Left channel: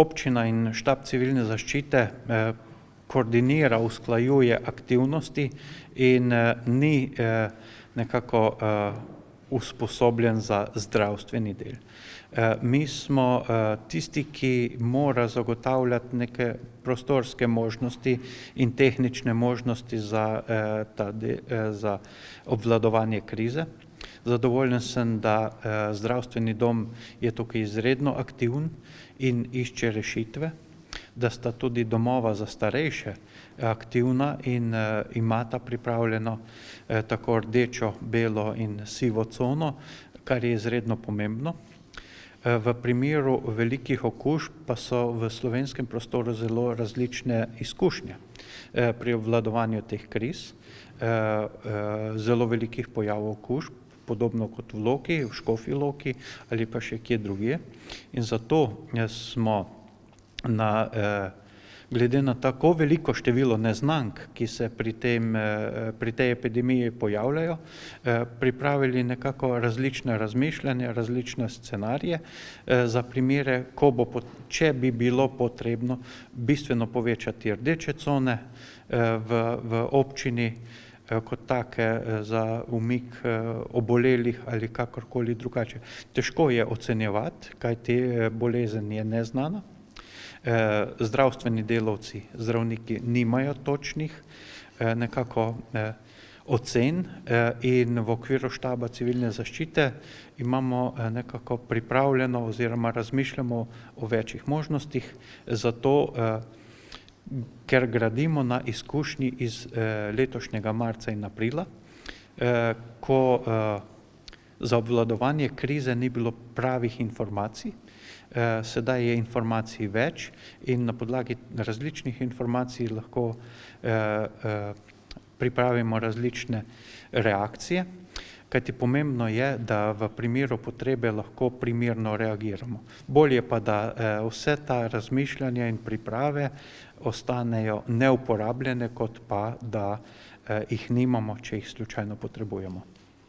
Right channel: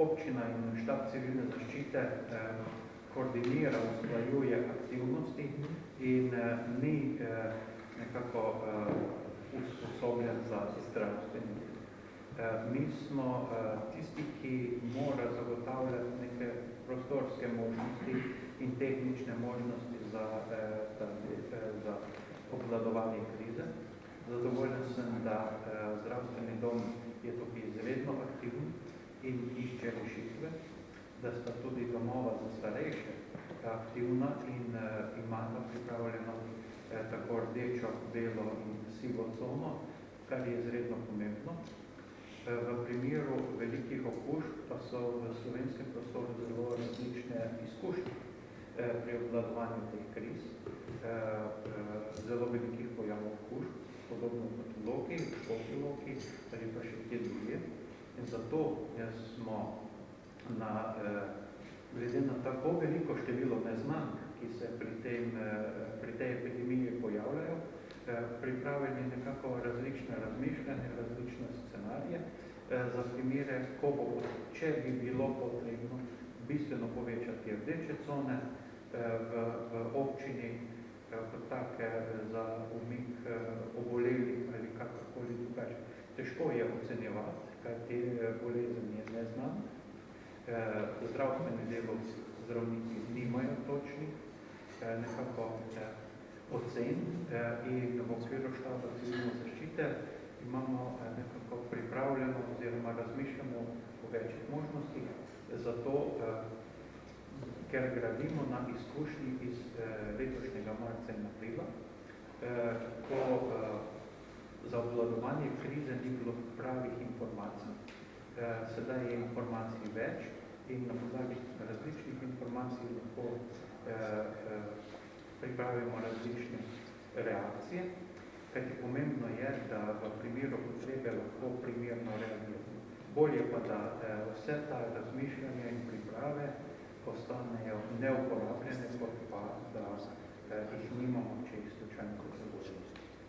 Občina in štab civilne zaščite koordinira, usklajuje aktivnosti in ni nekako usposobljen za zdravstveni del. Mi smo tisti, ki mora zagotavljati neke prostorske možnosti in tehnične možnosti za obvladovanje krize. Zadovoljen sem, da zdravstveni dom je tukaj izredno aktiven in išče rešitve, da sta tudi domova za starejše aktivna in imata pripravljeno tako rdečo, belo in sivo cono, kar je izredno pomembno. V primeru velikih okužb pa so v slovenskem prostoru zelo različne izkušnje pri obvladovanju teh kriz, zelo velikih pojavov okužb, podobno kot v Loki, v Škofji Loki ali pa še kje drugje. In zato smo glede na tako veliko število neznank, ki se pri tej epidemiji pojavljajo, pripravili nekako različne razmišljanja, različne scenarije za primere, če bi bilo potrebno bistveno povečati rdeče cone v občini kot take za umik obolelih ali kakorkoli drugače. Težko je ocenjevati, kajti bolezen je neznana. Zdravstveni delavci, zdravniki nimajo točnih nekako ocen in v okviru štaba civilne zaščite imamo nekako pripravljeno oziroma razmišljamo o večjih možnostih, zato ker gradimo na izkušnji iz letošnjega marca in aprila, ko za obvladovanje krize ni bilo pravih informacij. Sedaj je informacij več in na podlagi različnih informacij lahko pripravimo različne reakcije, kajti pomembno je, da v primeru potrebe lahko primerno reagiramo. Bolje pa, da vse ta razmišljanja in priprave ostanejo neuporabljene, kot pa, da jih nimamo, če jih slučajno potrebujemo.